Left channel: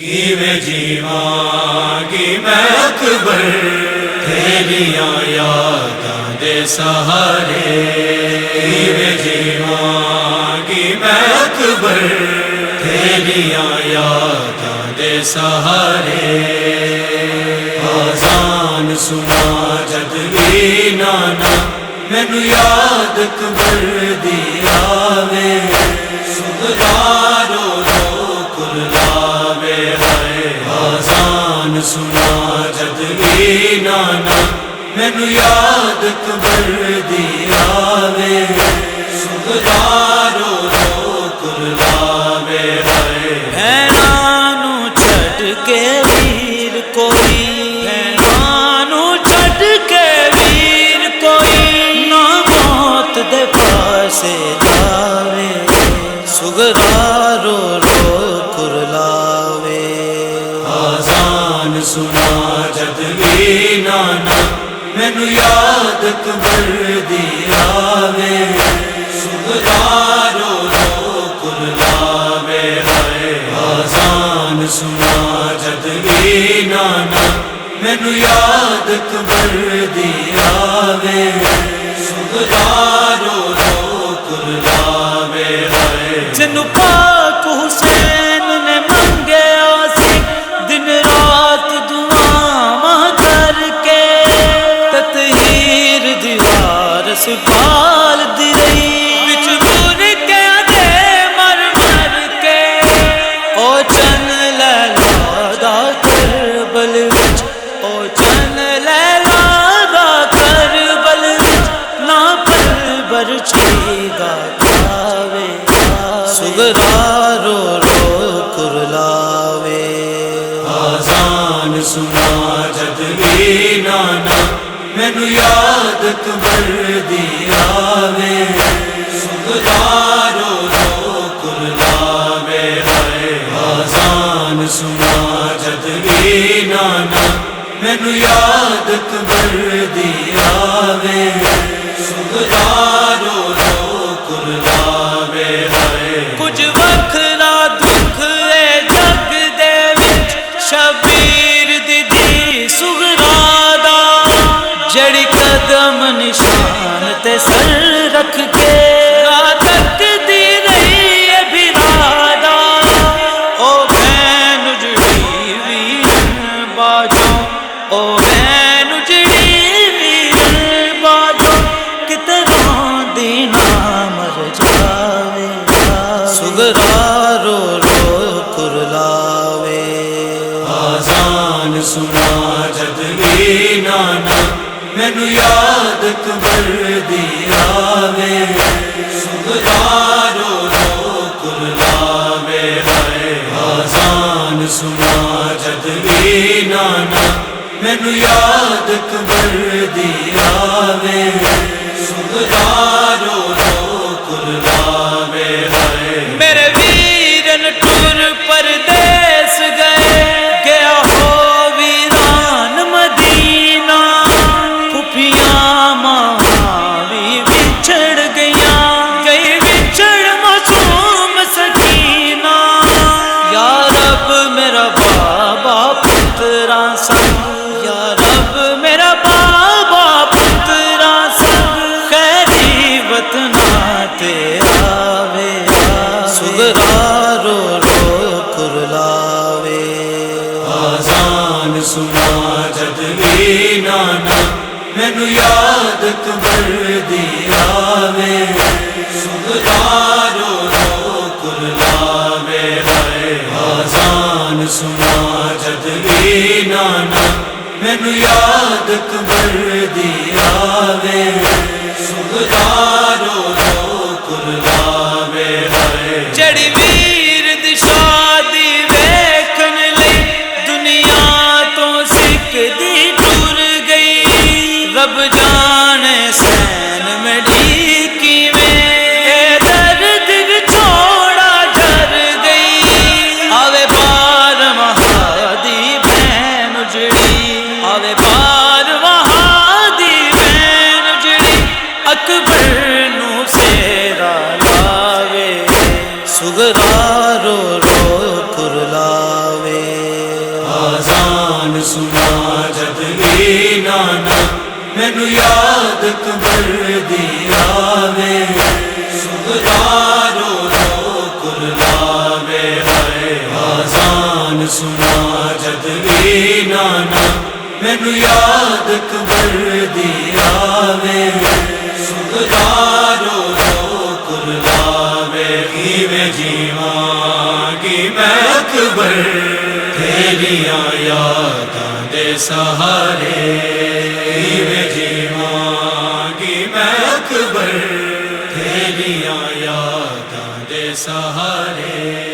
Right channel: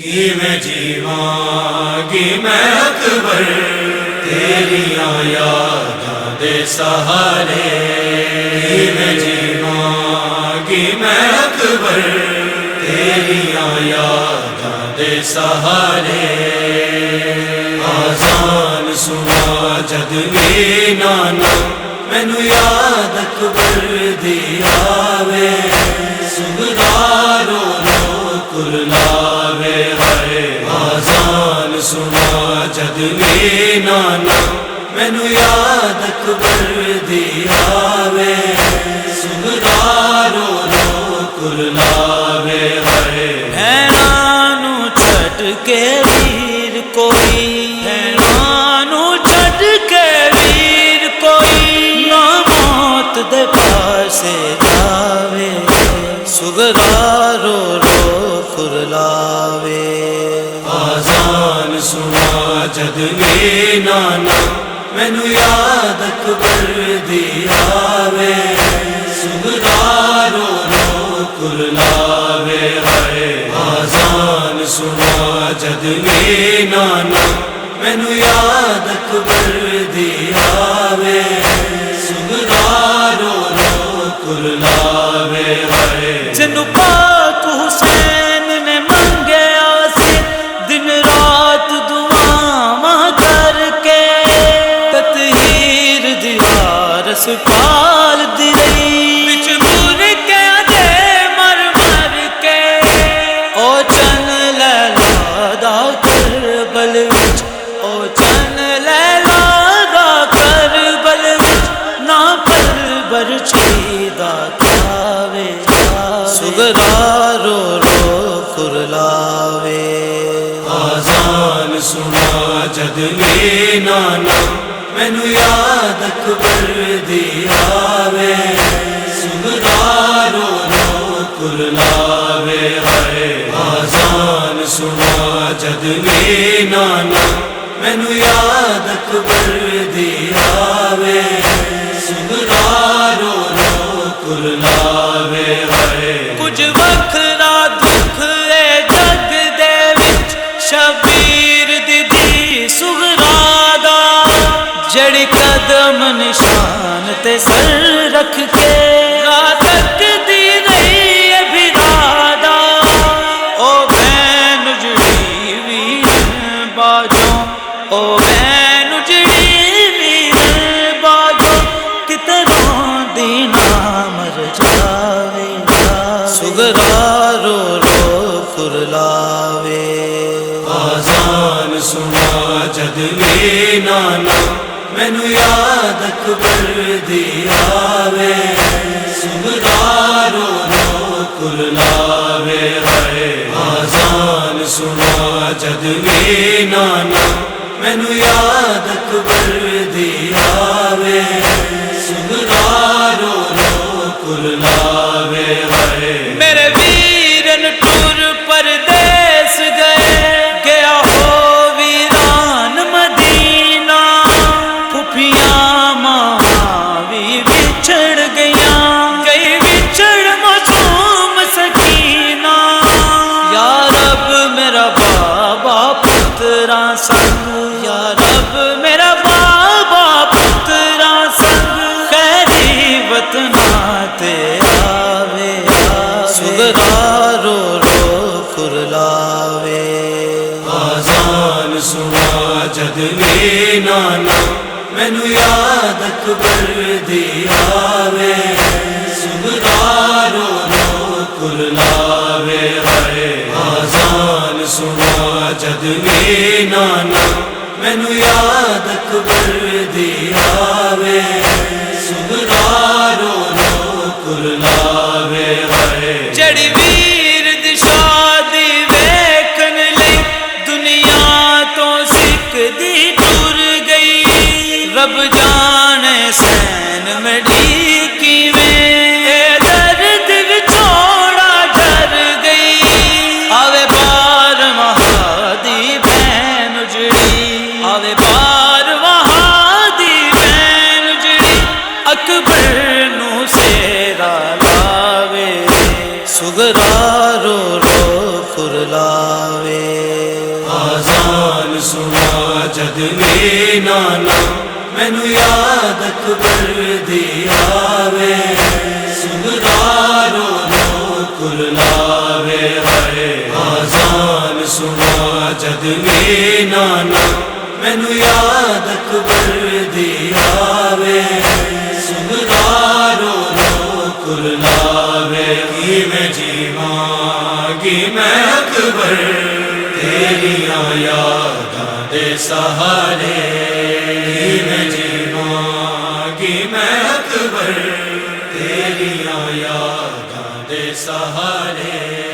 میں جیواں گی میں اکبر تیریاں یاداں دے سہارے، میں جیواں گی میں اکبر تیریاں یاداں دے سہارے، آذان سنا جد بھی نانا مینوں یاد اکبر دی آوے، سغرا رو رو کرلاوے ہائے، آذان سنا جد بھی نانا مینوں یاد اکبر دی آوے، سغرا رو رو کرلاوے ہائے، بھیناں نوں چھڈ کے ویر کوئی، بھیناں نوں چھڈ کے ویر کوئی نہ موت دے پاسے جاوے، سغرا رو رو کرلاوے، آذان سنا جد بھی نانا مینوں یاد اکبر دی آوے، سغرا رو رو کرلاوے ہائے، آذان سنا جد بھی نانا مینوں یاد اکبر دی آوے، سغرا رو رو کرلاوے ہائے، جنوں پاک حسین نے منگیا سی دن رات دعاواں کر کے، تطہیر دیوار سپال دی رہی وچ برکیاں دے مر مر کے، او چن لیلا دا کربل وچ، او چن لیلا دا کربل وچ نہ پل برچی دا کھاوے، سغرا رو رو کرلاوے، آذان سنا جد بھی نانا مینوں یاد اکبر دی آوے، سغرا رو رو کرلاوے ہائے، آذان سنا جد بھی نانا مینوں یاد اکبر دی آوے، سغرا رو رو کرلاوے ہائے، کچھ وکھرا دکھ اے جگ دے وچ شبیر دی سغرا دا، جڑی قدم نشان تے سر رکھ کے راہ تک دی رہی ہے بھرادا، او بہن اجڑی ویرن باجوں، او بہن اجڑی ویرن باجوں، کتے روندی نہ مر جاوے، سغرا رو رو کرلاوے، آذان سنا جد بھی نانا مینوں یاد اکبر دی آوے، سغرا رو رو کرلاوے ہائے، آذان سنا جد بھی نانا مینوں یاد اکبر دی آوے، سغرا رو رو کرلاوے ہائے، میرے ویرن ٹور پردیس گئے، گیا ہو ویران مدینہ، پھپھیاں ماں بھی بچھڑ گئیاں، گئی بچھڑ معصوم سکینہ، یا رب میرا بابا پتراں سنگ، یا رب میرا بابا پتراں سنگ، خیری وطناں تے آوے، سغرا رو رو کرلاوے، آذان سنا جد بھی نانا مینوں یاد اکبر دی آوے، سغرا رو رو کرلاوے ہائے، آذان سنا جد بھی نانا مینوں یاد اکبر دی آوے، سغرا رو رو کرلاوے ہائے، جڑی ویر دی شادی ویکھن لئی دنیا تو سکھ دی ٹر گئی، رب جانے سین مڑی کیویں اے درد وچوڑا جر گئی، آوے بار وہاں دی بہن اجڑی، آوے بار وہاں دی بہن آوے آزان سنا جد بھی نانا مینو یاد اکبر دی آوے سغرا رو رو کرلاوے ہائے آزان سنا جد بھی نانا مینو یاد اکبر دی آوے سغرا رو رو کرلاوے کیویں جیواں گی میں اکبر تیریاں یاداں دے سہارے کیویں جیواں گی میں اکبر تیریاں یاداں دے سہارے